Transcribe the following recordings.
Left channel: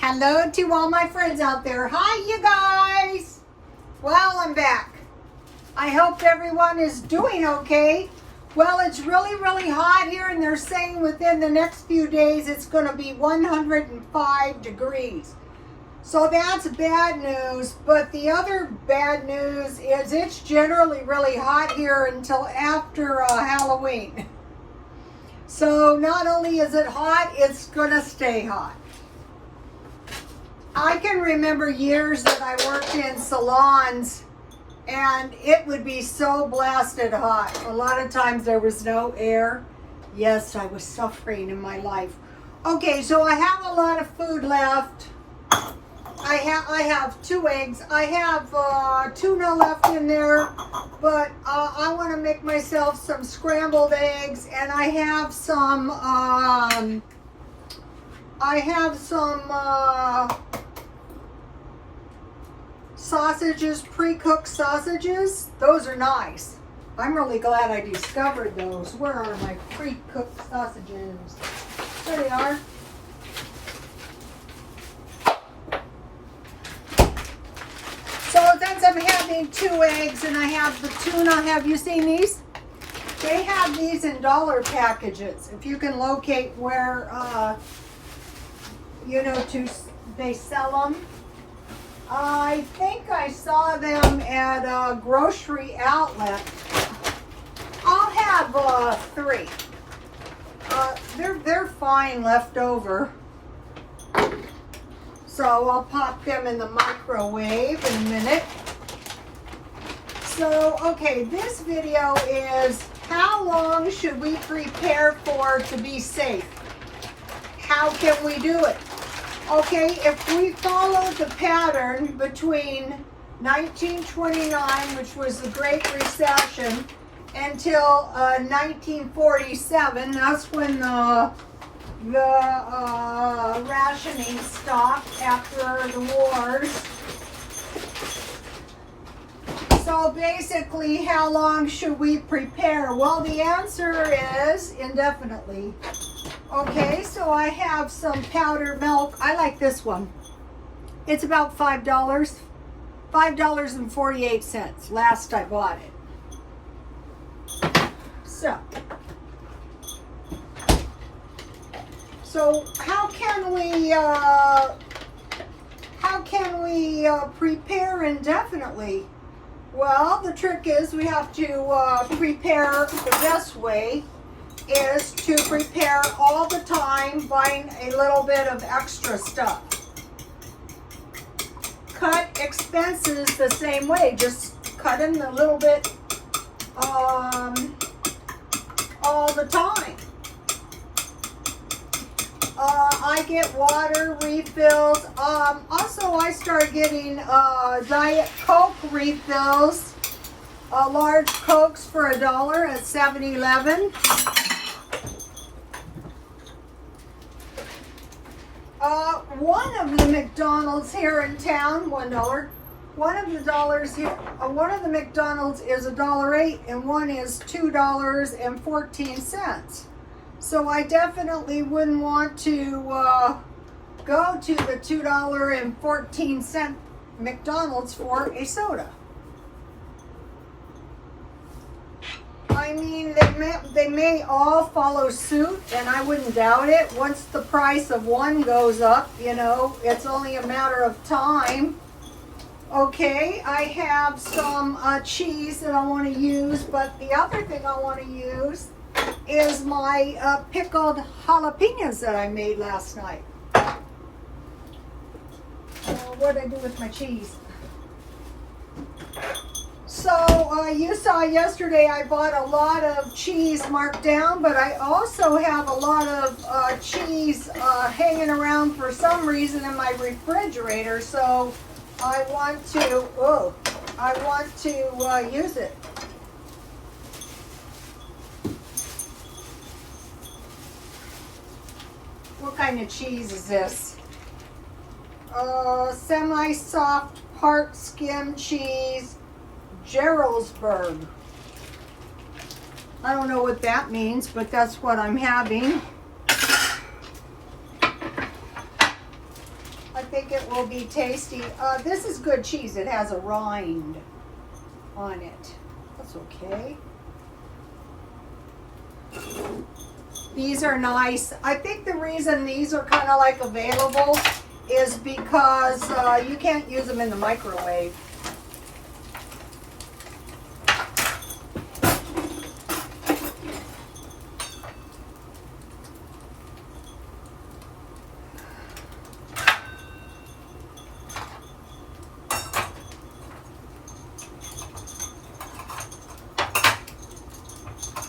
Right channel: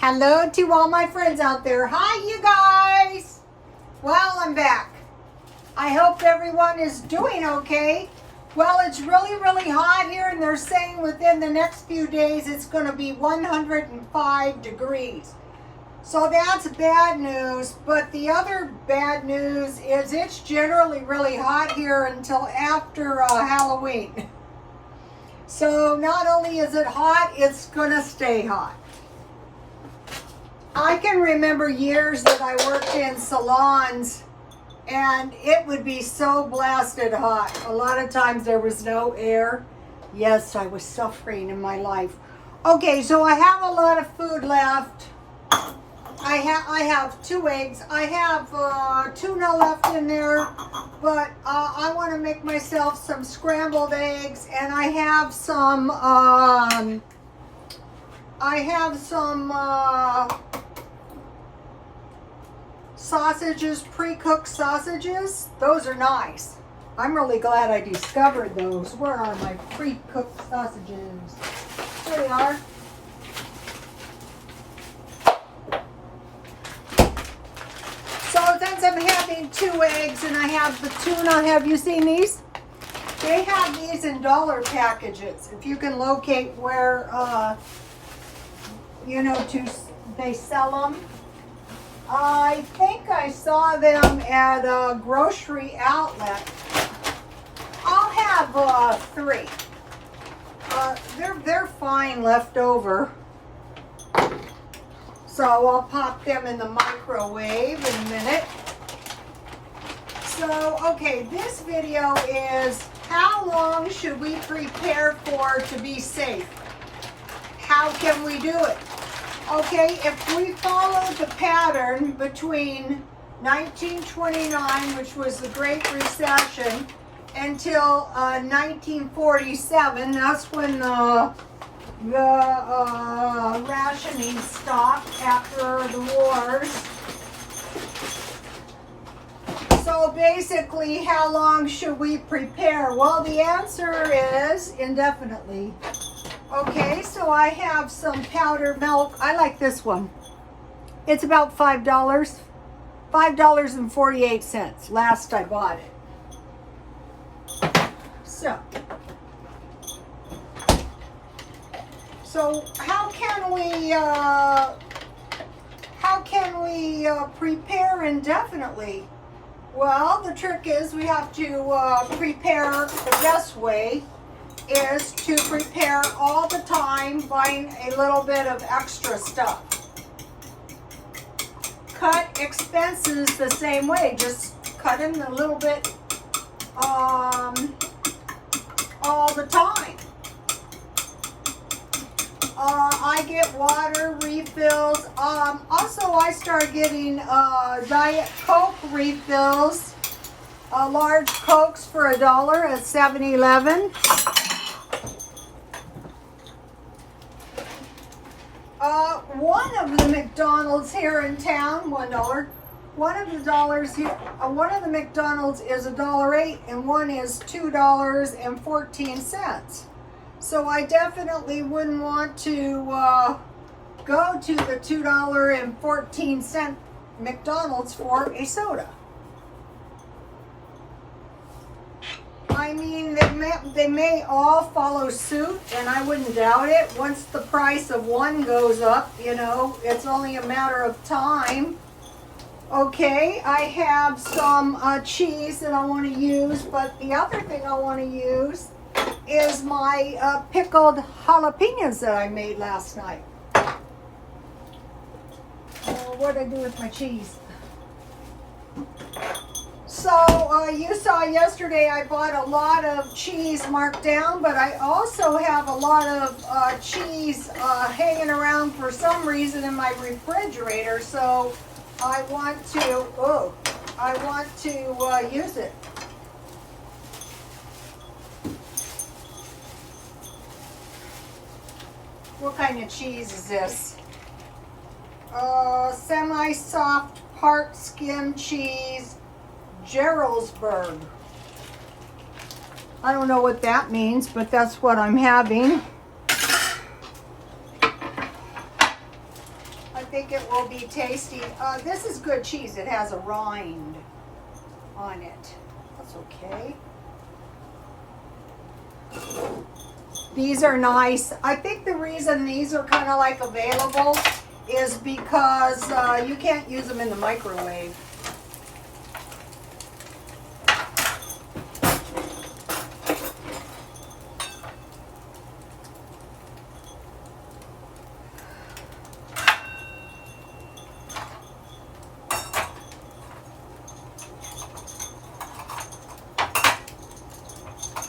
Hello to all my friends out there. Hi, you guys. Well, I'm back. I hope everyone is doing okay. Well, it's really, really hot here, and they're saying within the next few days it's going to be 105 degrees. So that's bad news, but the other bad news is it's generally really hot here until after Halloween. So not only is it hot, it's going to stay hot. I can remember years that I worked in salons and it would be so blasted hot. A lot of times there was no air. Yes, I was suffering in my life. Okay, so I have a lot of food left. I have 2 eggs. I have tuna left in there, but I want to make myself some scrambled eggs, and I have some sausages, pre-cooked sausages. Those are nice. I'm really glad I discovered those. Where are my pre-cooked sausages? There they are. So since I'm having 2 eggs and I have the tuna, have you seen these? They have these in dollar packages. If you can locate where, they sell them. I think I saw them at a grocery outlet. I'll have 3. They're fine left over. So I'll pop them in the microwave in a minute. So, okay, this video is how long should we prepare for to be safe? How can we do it? Okay, if we follow the pattern between 1929, which was the Great Recession, until 1947, that's when the rationing stopped after the wars. So basically, how long should we prepare? Well, the answer is indefinitely. Okay, so I have some powdered milk. I like this one. It's about $5. $5.48 last I bought it. So how can we prepare indefinitely? Well, the trick is we have to prepare. The best way is to prepare all the time, buying a little bit of extra stuff. Cut expenses the same way, just cut them a little bit all the time. I get water refills. Also, I start getting Diet Coke refills. Large Cokes for $1 at 7-Eleven. One of the McDonald's here in town, $1. One of the McDonald's is $1.08, and one is $2.14. So I definitely wouldn't want to go to the $2.14 McDonald's for a soda. I mean, they may all follow suit, and I wouldn't doubt it. Once the price of one goes up, it's only a matter of time. Okay, I have some cheese that I want to use, but the other thing I want to use is my pickled jalapenos that I made last night. What did I do with my cheese? So you saw yesterday I bought a lot of cheese marked down, but I also have a lot of cheese hanging around for some reason in my refrigerator. So I want to use it. What kind of cheese is this? Semi-soft part skim cheese, Geroldsburg. I don't know what that means, but that's what I'm having. think it will be tasty. This is good cheese. It has a rind on it. That's okay. These are nice. I think the reason these are kind of like available is because you can't use them in the microwave.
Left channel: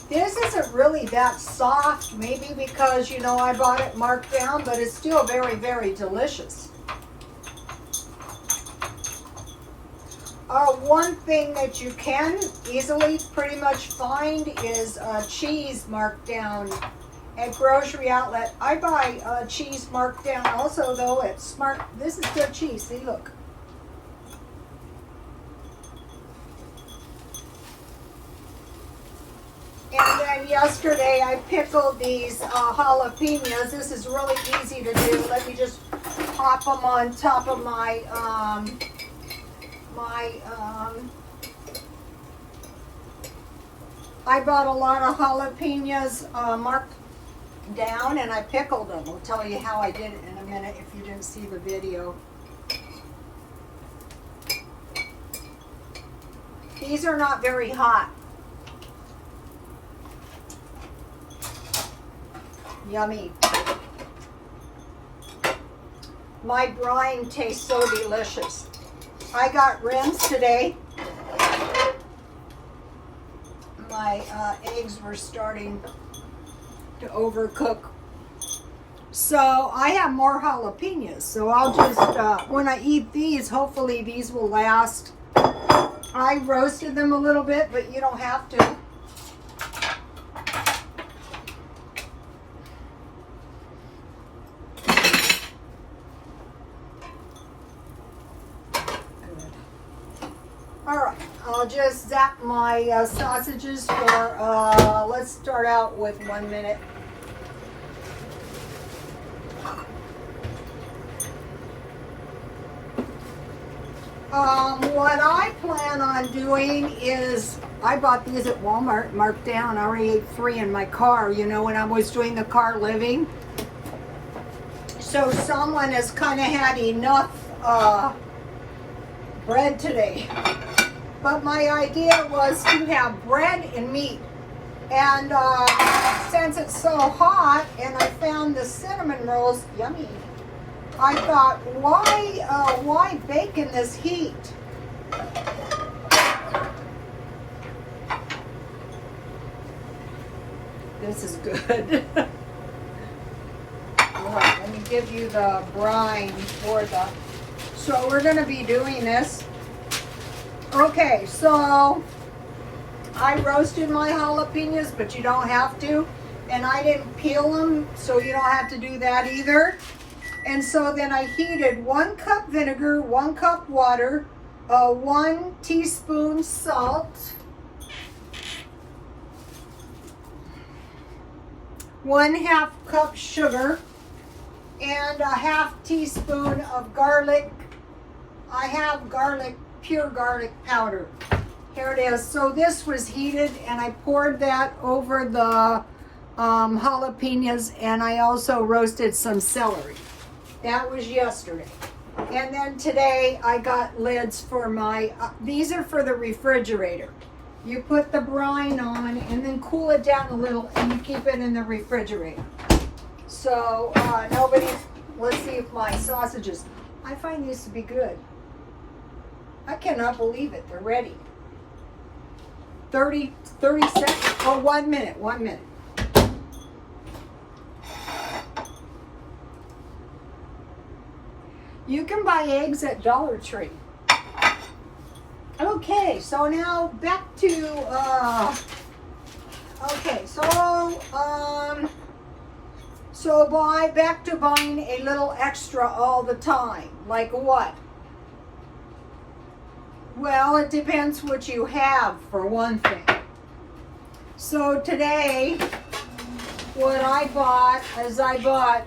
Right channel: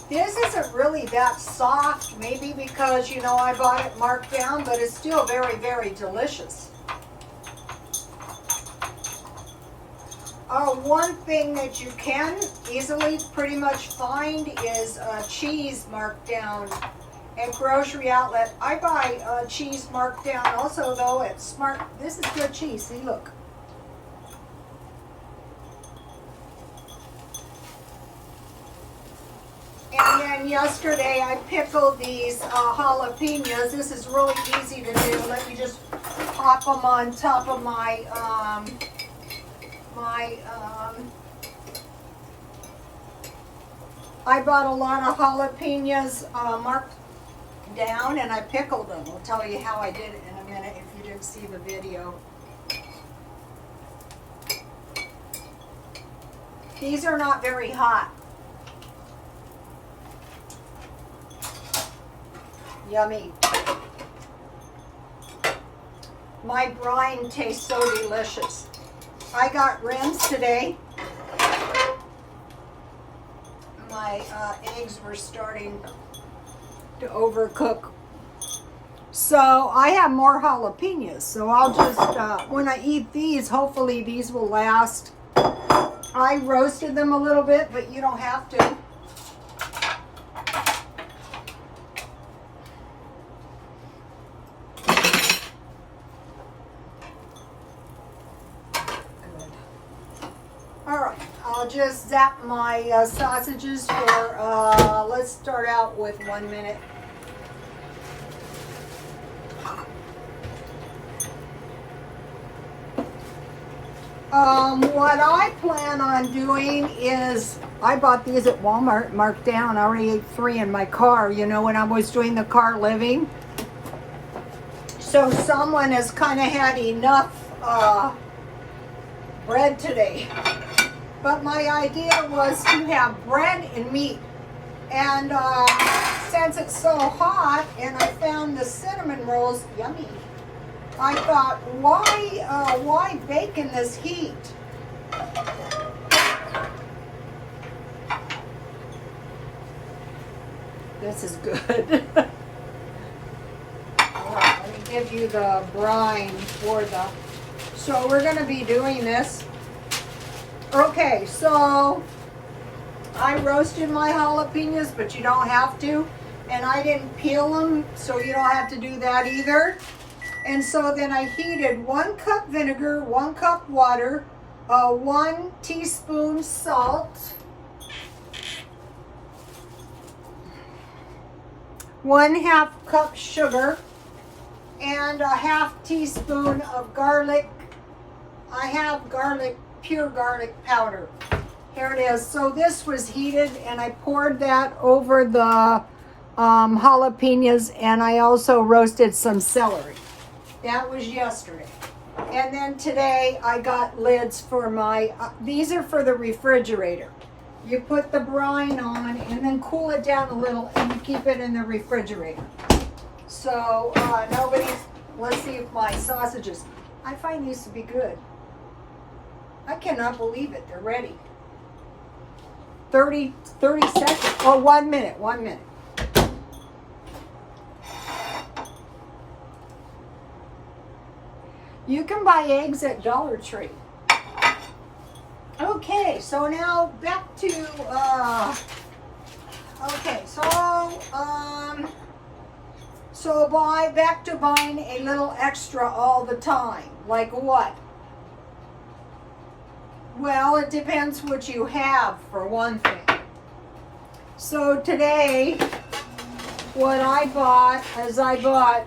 This isn't really that soft, maybe because, you know, I bought it marked down, but it's still very, very delicious. One thing that you can easily pretty much find is cheese marked down at grocery outlet. I buy cheese marked down also, though. It's smart. This is good cheese. See, look. And then yesterday I pickled these jalapenos. This is really easy to do. Let me just pop them on top of my I bought a lot of jalapenos marked down and I pickled them. I'll tell you how I did it in a minute if you didn't see the video. These are not very hot. Yummy. My brine tastes so delicious. I got rims today. My eggs were starting to overcook. So I have more jalapenos. So I'll just, when I eat these, hopefully these will last. I roasted them a little bit, but you don't have to. I'll just zap my sausages for, let's start out with 1 minute. What I plan on doing is, I bought these at Walmart, marked down. I already ate 3 in my car, you know, when I was doing the car living. So someone has kind of had enough bread today. But my idea was to have bread and meat. And since it's so hot and I found the cinnamon rolls yummy, I thought, why bake in this heat? This is good. All right, let me give you the brine for the, so we're gonna be doing this. Okay, so I roasted my jalapenos, but you don't have to. And I didn't peel them, so you don't have to do that either. And so then I heated 1 cup vinegar, 1 cup water, 1 teaspoon salt, 1/2 cup sugar, and a 1/2 teaspoon of garlic. I have garlic, pure garlic powder. There it is. So this was heated and I poured that over the jalapenos, and I also roasted some celery. That was yesterday. And then today I got lids for my, these are for the refrigerator. You put the brine on and then cool it down a little and you keep it in the refrigerator. So let's see if my sausages, I find these to be good. I cannot believe it. They're ready. 30 seconds. Oh, 1 minute. 1 minute. You can buy eggs at Dollar Tree. Okay, so now back to back to buying a little extra all the time. Like what? Well, it depends what you have, for one thing. So today, what I bought is I bought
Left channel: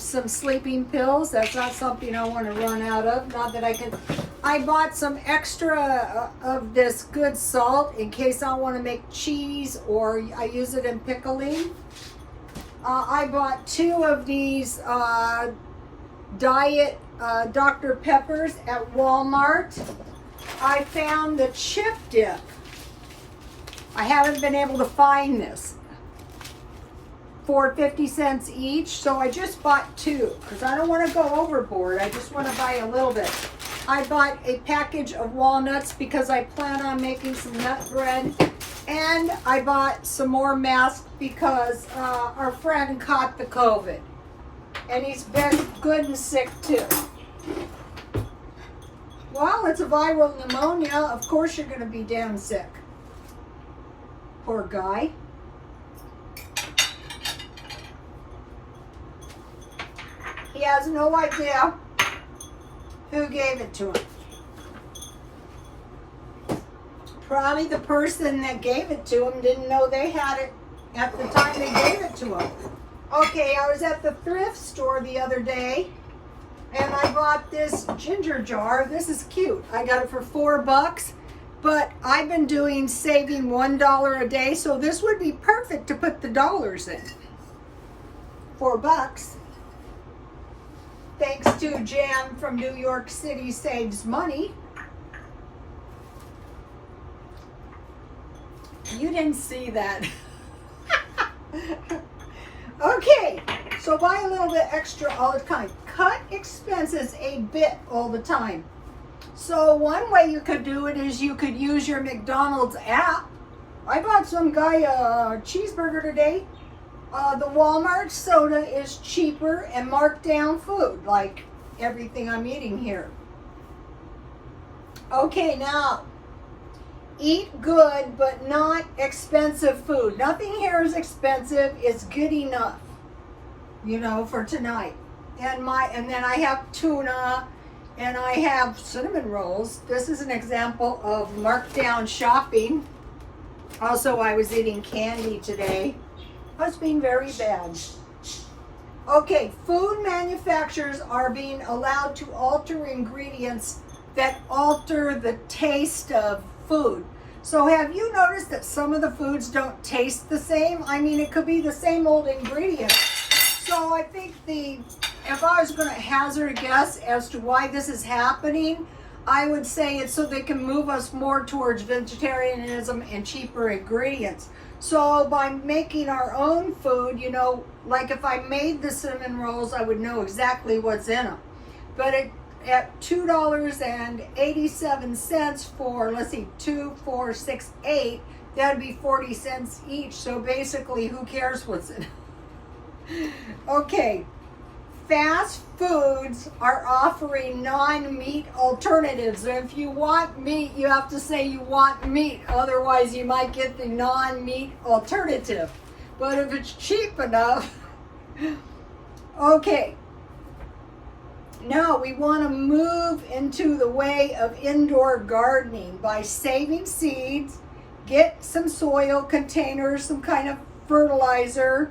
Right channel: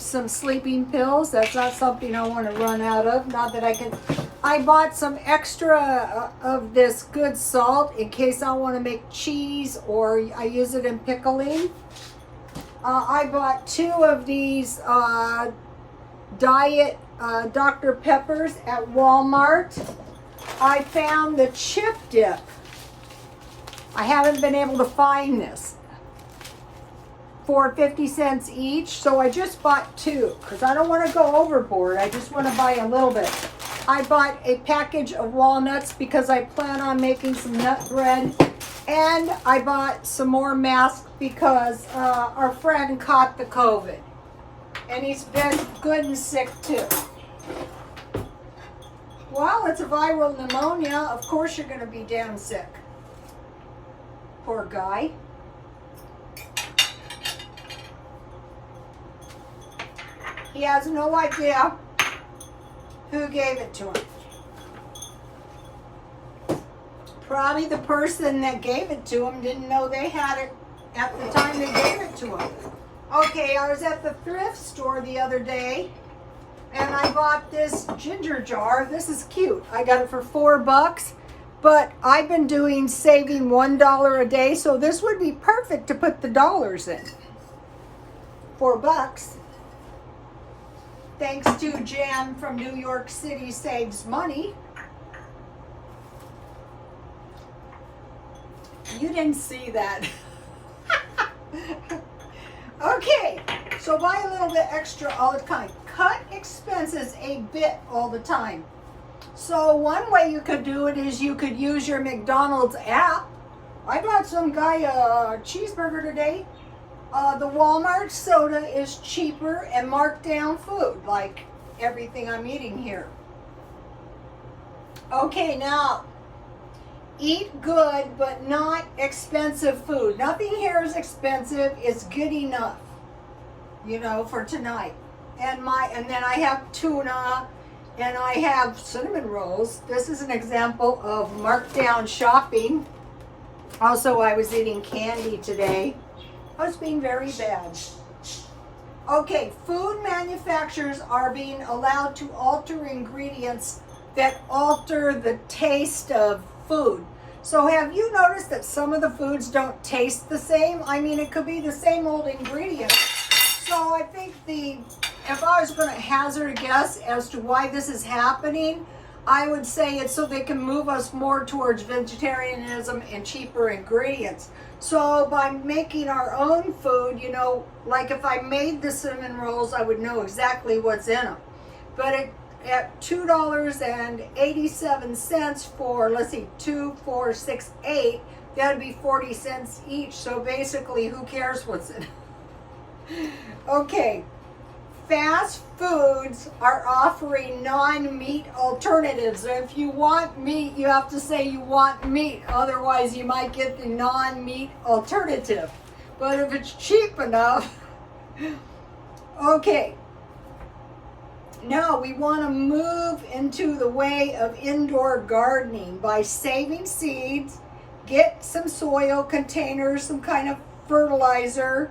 some sleeping pills. That's not something I want to run out of. Not that I can. I bought some extra of this good salt in case I want to make cheese or I use it in pickling. I bought 2 of these diet Dr. Peppers at Walmart. I found the chip dip. I haven't been able to find this. For 50 cents each, so I just bought 2 because I don't want to go overboard. I just want to buy a little bit. I bought a package of walnuts because I plan on making some nut bread, and I bought some more masks because our friend caught the COVID, and he's been good and sick too. Well, it's a viral pneumonia. Of course you're going to be damn sick. Poor guy. He has no idea who gave it to him. Probably the person that gave it to him didn't know they had it at the time they gave it to him. Okay, I was at the thrift store the other day and I bought this ginger jar. This is cute. I got it for $4, but I've been doing saving $1 a day, so this would be perfect to put the dollars in. $4. Thanks to Jan from New York City Saves Money. You didn't see that. Okay, so buy a little bit extra all the time. Cut expenses a bit all the time. So one way you could do it is you could use your McDonald's app. I got some guy a cheeseburger today. The Walmart soda is cheaper and marked down food, like everything I'm eating here. Okay, now, eat good but not expensive food. Nothing here is expensive. It's good enough, you know, for tonight. And then I have tuna and I have cinnamon rolls. This is an example of marked down shopping. Also, I was eating candy today. I was being very bad. Okay, food manufacturers are being allowed to alter ingredients that alter the taste of food. So have you noticed that some of the foods don't taste the same? I mean, it could be the same old ingredients. So I think if I was going to hazard a guess as to why this is happening, I would say it's so they can move us more towards vegetarianism and cheaper ingredients. So by making our own food, you know, like if I made the cinnamon rolls, I would know exactly what's in them. But at $2.87 for, let's see, 2, 4, 6, 8, that'd be 40 cents each. So basically, who cares what's in it? Okay. Fast foods are offering non-meat alternatives. And if you want meat, you have to say you want meat. Otherwise, you might get the non-meat alternative. But if it's cheap enough, okay. Now we want to move into the way of indoor gardening by saving seeds, get some soil containers, some kind of fertilizer.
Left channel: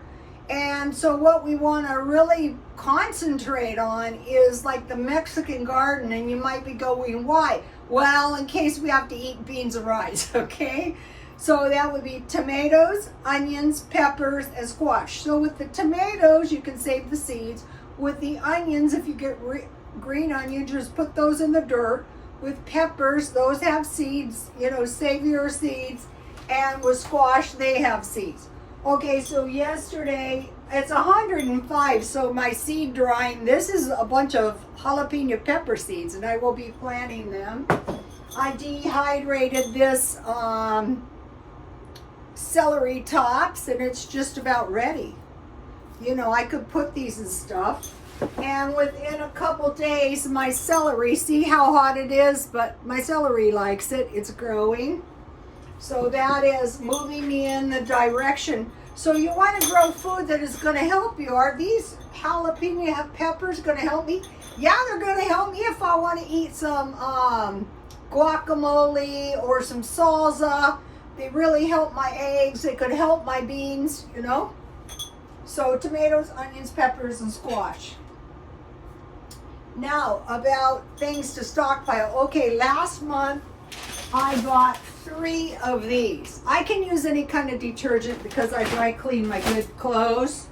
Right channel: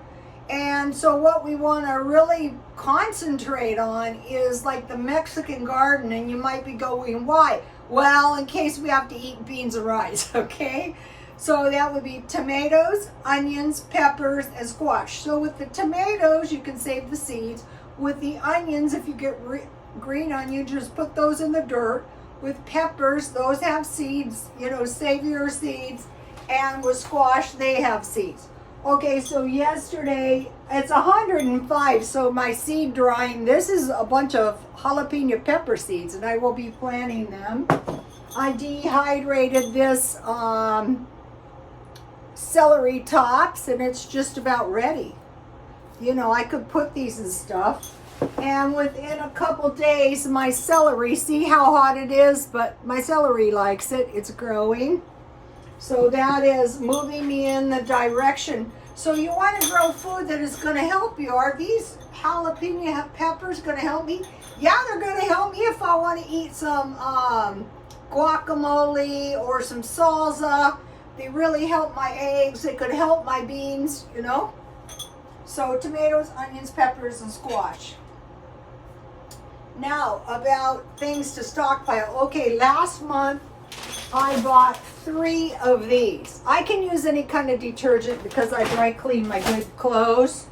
And so what we want to really concentrate on is like the Mexican garden, and you might be going, why? Well, in case we have to eat beans and rice, okay? So that would be tomatoes, onions, peppers, and squash. So with the tomatoes, you can save the seeds. With the onions, if you get green onions, just put those in the dirt. With peppers, those have seeds, you know, save your seeds. And with squash, they have seeds. Okay, so yesterday, it's 105, so my seed drying, this is a bunch of jalapeno pepper seeds, and I will be planting them. I dehydrated this celery tops, and it's just about ready. You know, I could put these in stuff. And within a couple days, my celery, see how hot it is, but my celery likes it, it's growing. So that is moving me in the direction. So you want to grow food that is going to help you. Are these jalapeno peppers going to help me? Yeah, they're going to help me if I want to eat some guacamole or some salsa. They really help my eggs. They could help my beans, you know. So tomatoes, onions, peppers, and squash. Now, about things to stockpile. Okay, last month I bought 3 of these. I can use any kind of detergent because I dry clean my good clothes.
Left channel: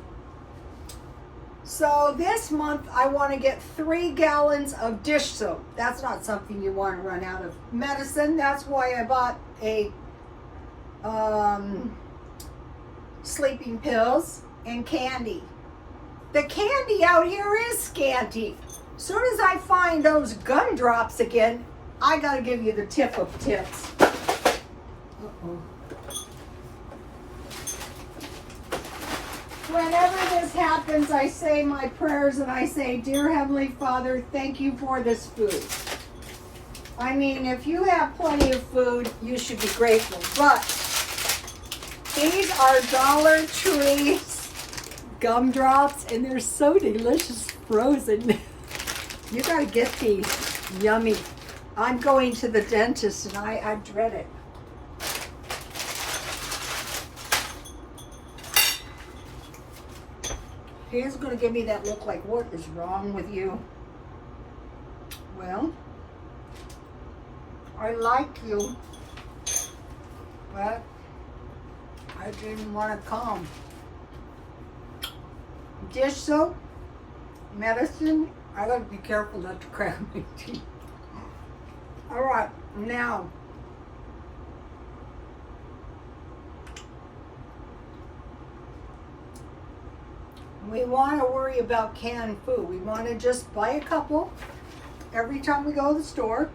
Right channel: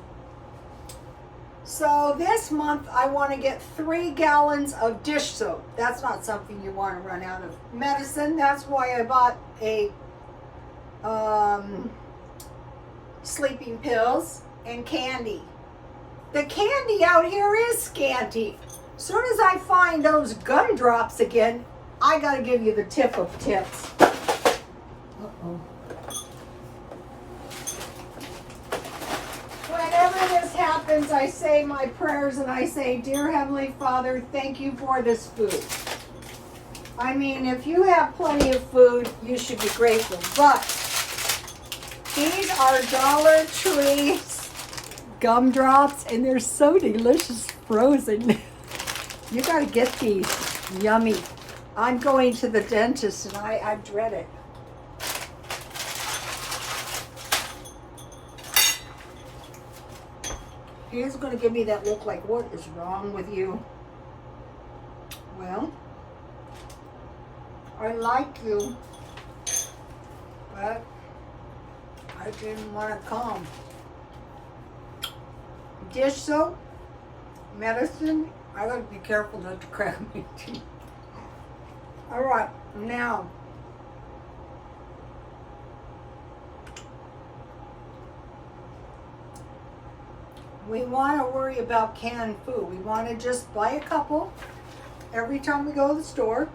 So this month I want to get 3 gallons of dish soap. That's not something you want to run out of. Medicine, that's why I bought a sleeping pills and candy. The candy out here is scanty. As soon as I find those gumdrops again, I gotta give you the tip of tips. Uh-oh. Whenever this happens, I say my prayers and I say, Dear Heavenly Father, thank you for this food. I mean, if you have plenty of food, you should be grateful. But these are Dollar Tree gumdrops, and they're so delicious frozen. You gotta get these. Yummy. I'm going to the dentist and I dread it. He's gonna give me that look like, what is wrong with you? Well, I like you, but I didn't want to come. Dish soap, medicine. I gotta be careful not to crack my teeth. All right, now we want to worry about canned food. We want to just buy a couple every time we go to the store.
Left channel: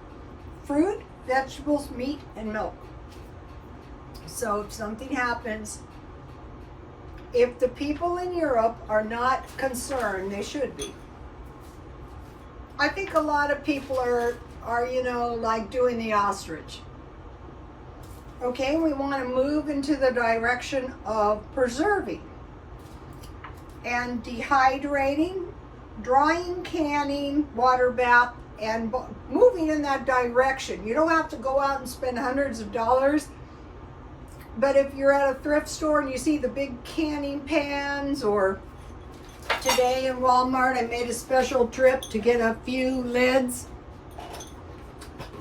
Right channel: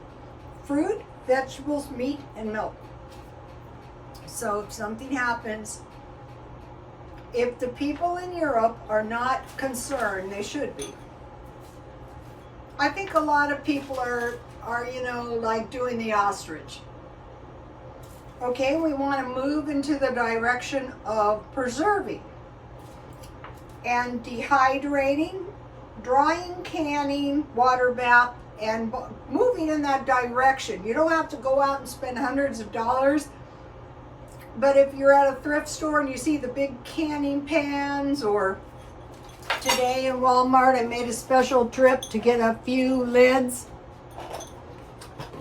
Fruit, vegetables, meat, and milk. So if something happens, if the people in Europe are not concerned, they should be. I think a lot of people are you know, like doing the ostrich. Okay, we want to move into the direction of preserving and dehydrating, drying, canning, water bath, and moving in that direction. You don't have to go out and spend hundreds of dollars. But if you're at a thrift store and you see the big canning pans, or today in Walmart I made a special trip to get a few lids.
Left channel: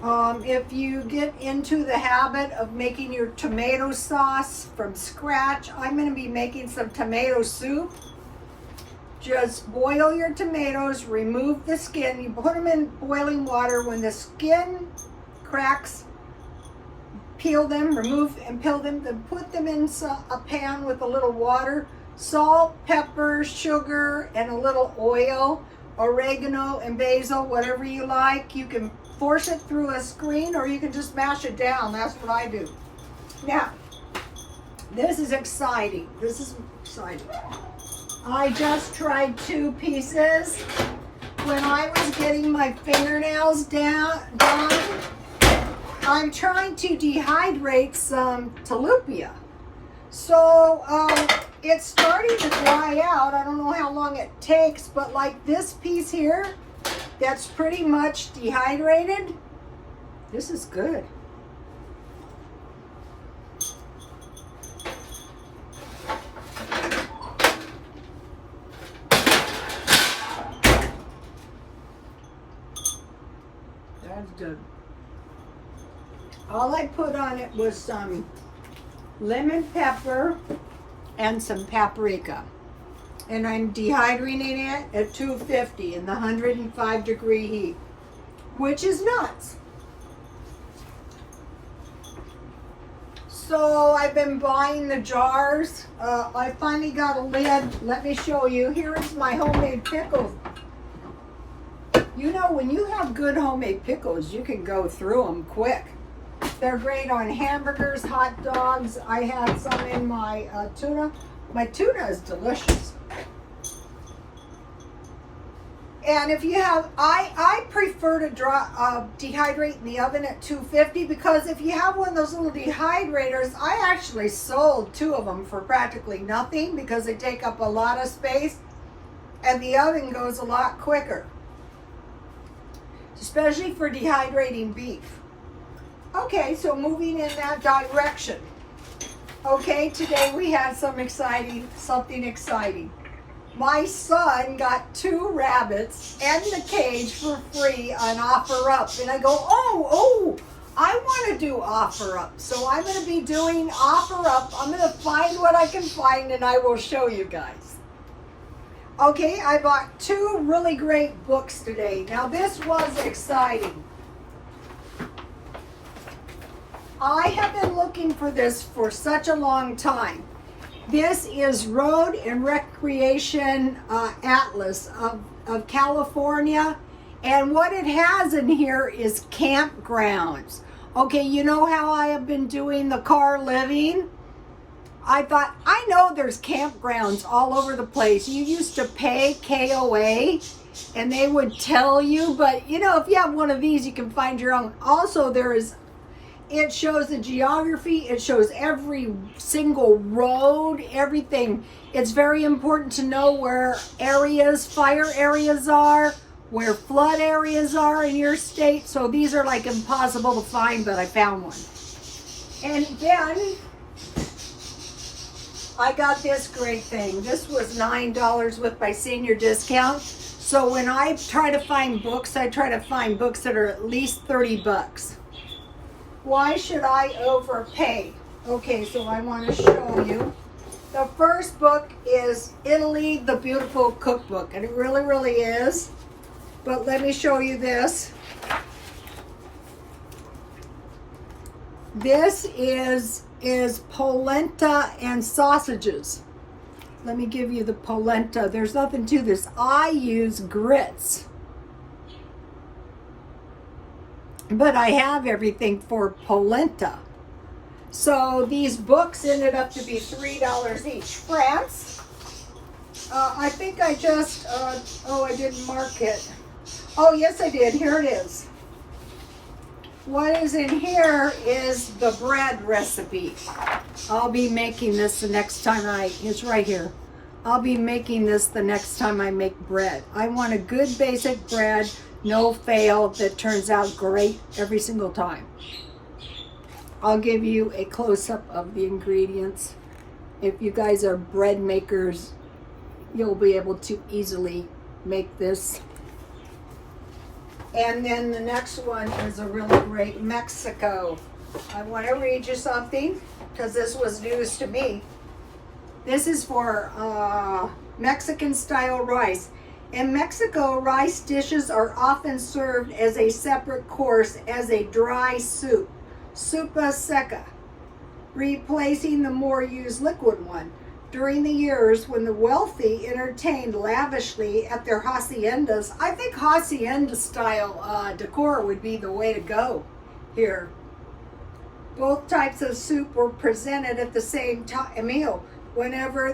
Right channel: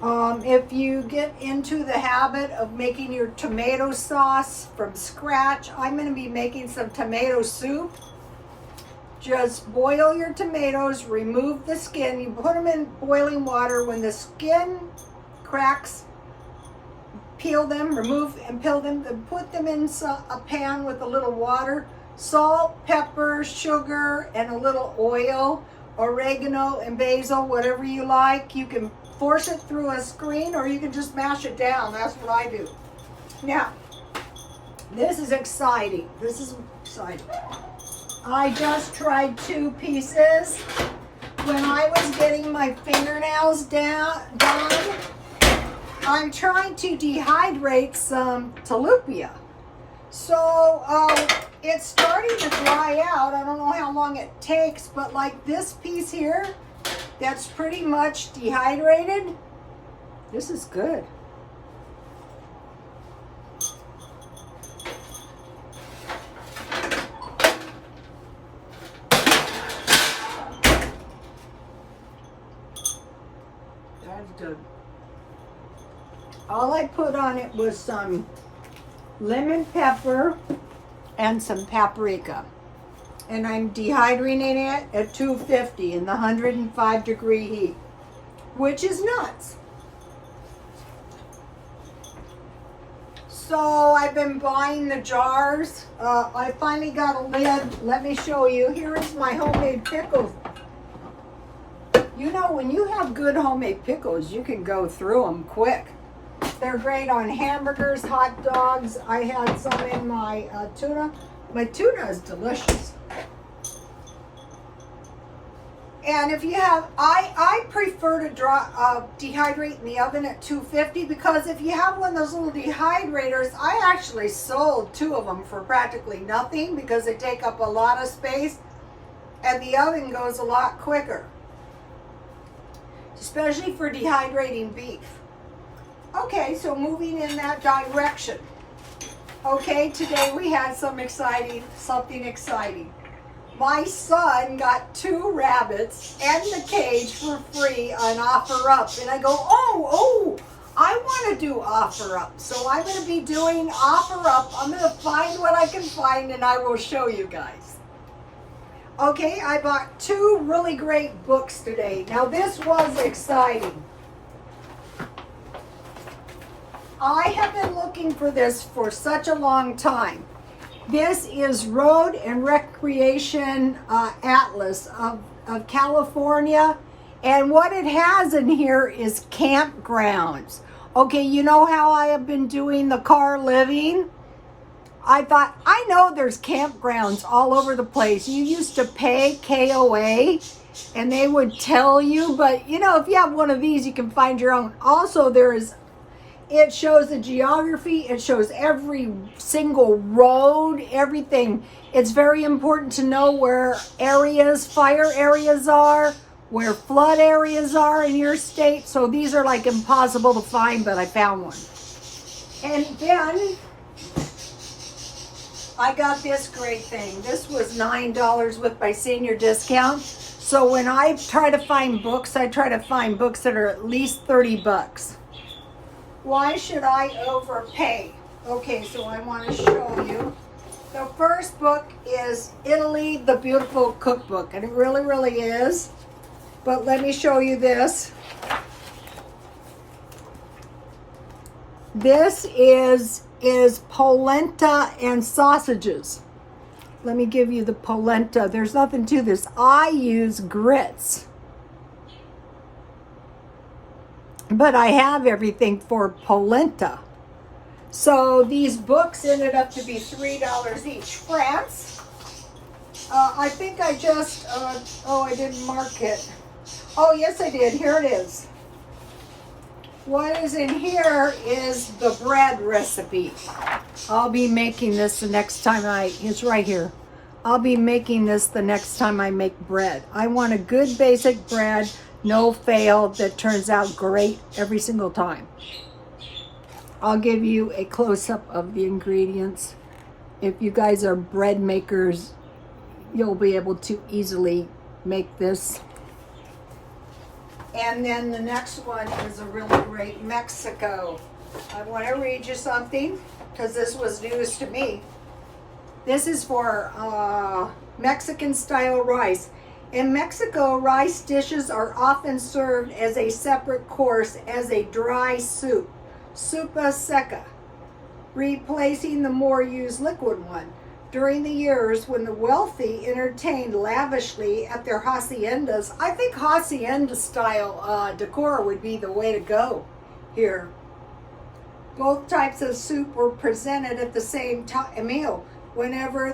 If you get into the habit of making your tomato sauce from scratch, I'm going to be making some tomato soup. Just boil your tomatoes, remove the skin. You put them in boiling water. When the skin cracks, peel them, remove and peel them, then put them in a pan with a little water, salt, pepper, sugar, and a little oil, oregano and basil, whatever you like. You can force it through a screen or you can just mash it down. That's what I do. Now, this is exciting. This is exciting. I just tried 2 pieces. When I was getting my fingernails done, I'm trying to dehydrate some tilapia. So it's starting to dry out. I don't know how long it takes, but like this piece here, that's pretty much dehydrated. This is good. That's good. All I put on it was some lemon pepper and some paprika. And I'm dehydrating it at 250 in the 105-degree heat, which is nuts. So I've been buying the jars. I finally got a lid. Let me show you. Here is my homemade pickles. You know, when you have good homemade pickles, you can go through them quick. They're great on hamburgers, hot dogs. I had some in my tuna. My tuna is delicious. And if you have, I prefer to dehydrate in the oven at 250, because if you have one of those little dehydrators, I actually sold 2 of them for practically nothing because they take up a lot of space and the oven goes a lot quicker, especially for dehydrating beef. Okay, so moving in that direction. Okay, today we had something exciting. My son got 2 rabbits and the cage for free on OfferUp. And I go, oh, I want to do OfferUp. So I'm going to be doing OfferUp. I'm going to find what I can find and I will show you guys. Okay, I bought 2 really great books today. Now this was exciting. I have been looking for this for such a long time. This is Road and Recreation Atlas of California. And what it has in here is campgrounds. Okay, you know how I have been doing the car living? I thought, I know there's campgrounds all over the place. You used to pay KOA and they would tell you, but you know, if you have one of these, you can find your own. Also, it shows the geography, it shows every single road, everything. It's very important to know where fire areas are, where flood areas are in your state. So these are like impossible to find, but I found one. And then I got this great thing. This was $9 with my senior discount. So when I try to find books, I try to find books that are at least 30 bucks. Why should I overpay? Okay, so I want to show you. The first book is Italy, the Beautiful Cookbook. And it really, really is. But let me show you this. This is polenta and sausages. Let me give you the polenta. There's nothing to this. I use grits. But I have everything for polenta. So these books ended up to be $3 each. France. I think I just, I didn't mark it. Oh, yes, I did. Here it is. What is in here is the bread recipe. I'll be making this the next time it's right here. I'll be making this the next time I make bread. I want a good basic bread, no fail, that turns out great every single time. I'll give you a close-up of the ingredients. If you guys are bread makers, you'll be able to easily make this. And then the next one is a really great Mexico. I want to read you something because this was news to me. This is for Mexican style rice. In Mexico, rice dishes are often served as a separate course as a dry soup, sopa seca, replacing the more used liquid one. During the years when the wealthy entertained lavishly at their haciendas, I think hacienda style decor would be the way to go here. Both types of soup were presented at the same meal. Whenever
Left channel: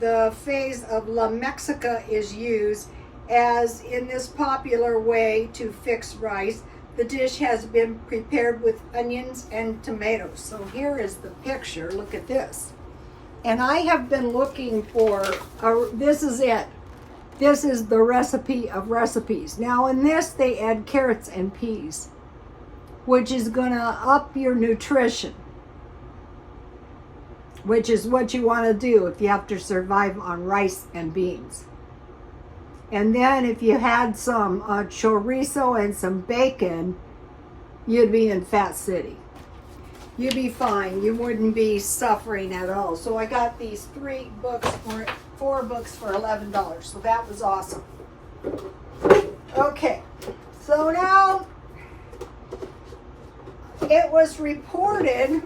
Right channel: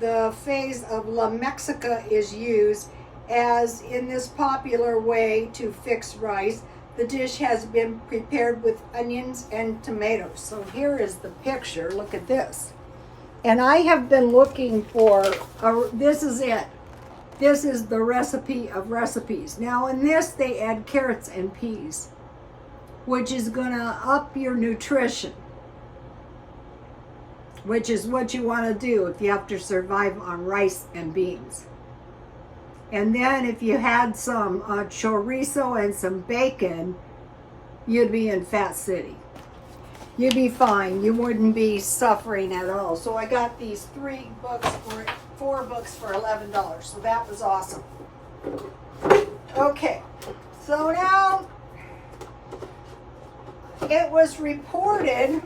the phase of La Mexica is used, as in this popular way to fix rice, the dish has been prepared with onions and tomatoes. So here is the picture. Look at this. And I have been looking for, this is it. This is the recipe of recipes. Now in this, they add carrots and peas, which is gonna up your nutrition, which is what you wanna do if you have to survive on rice and beans. And then if you had some chorizo and some bacon, you'd be in Fat City. You'd be fine. You wouldn't be suffering at all. So I got these 4 books for $11. So that was awesome. Okay. So now it was reported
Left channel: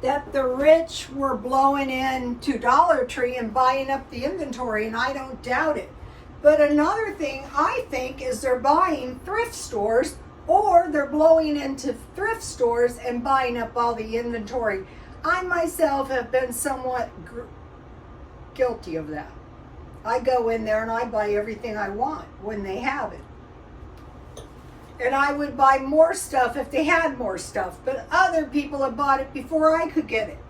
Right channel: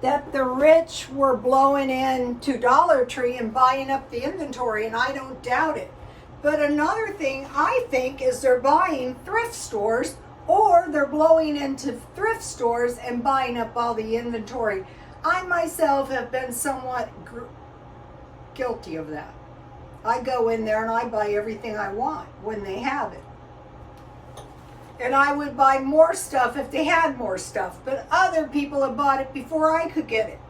that the rich were blowing into Dollar Tree and buying up the inventory, and I don't doubt it. But another thing I think is they're buying thrift stores, or they're blowing into thrift stores and buying up all the inventory. I myself have been somewhat guilty of that. I go in there and I buy everything I want when they have it. And I would buy more stuff if they had more stuff, but other people have bought it before I could get it.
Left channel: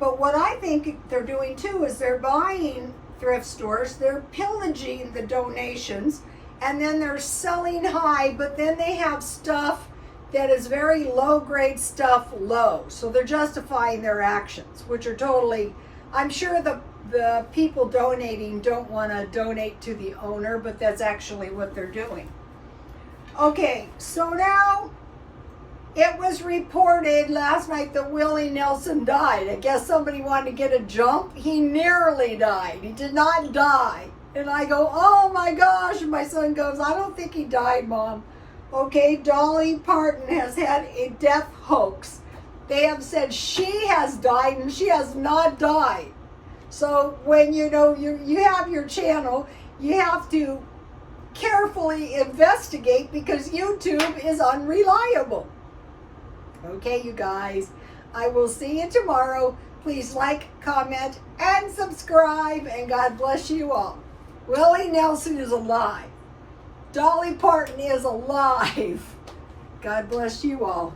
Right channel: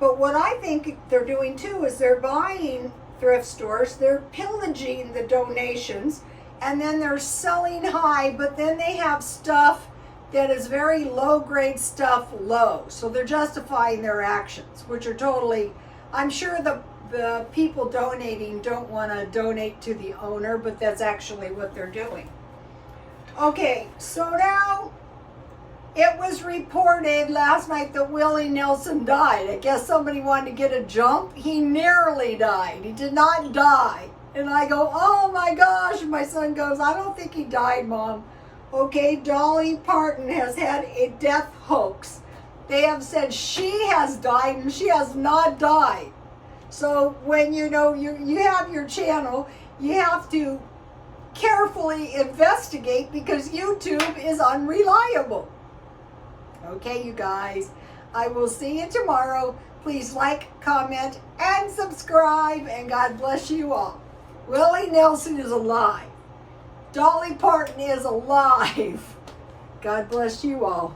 But what I think they're doing too is they're buying thrift stores, they're pillaging the donations, and then they're selling high, but then they have stuff that is very low-grade stuff low. So they're justifying their actions, which are totally, I'm sure the people donating don't want to donate to the owner, but that's actually what they're doing. Okay, so now it was reported last night that Willie Nelson died. I guess somebody wanted to get a jump. He nearly died. He did not die. And I go, oh my gosh. And my son goes, I don't think he died, Mom. Okay, Dolly Parton has had a death hoax. They have said she has died and she has not died. So when you have your channel, you have to carefully investigate because YouTube is unreliable. Okay, you guys, I will see you tomorrow. Please like, comment, and subscribe, and God bless you all. Willie Nelson is alive. Dolly Parton is alive. God bless you all.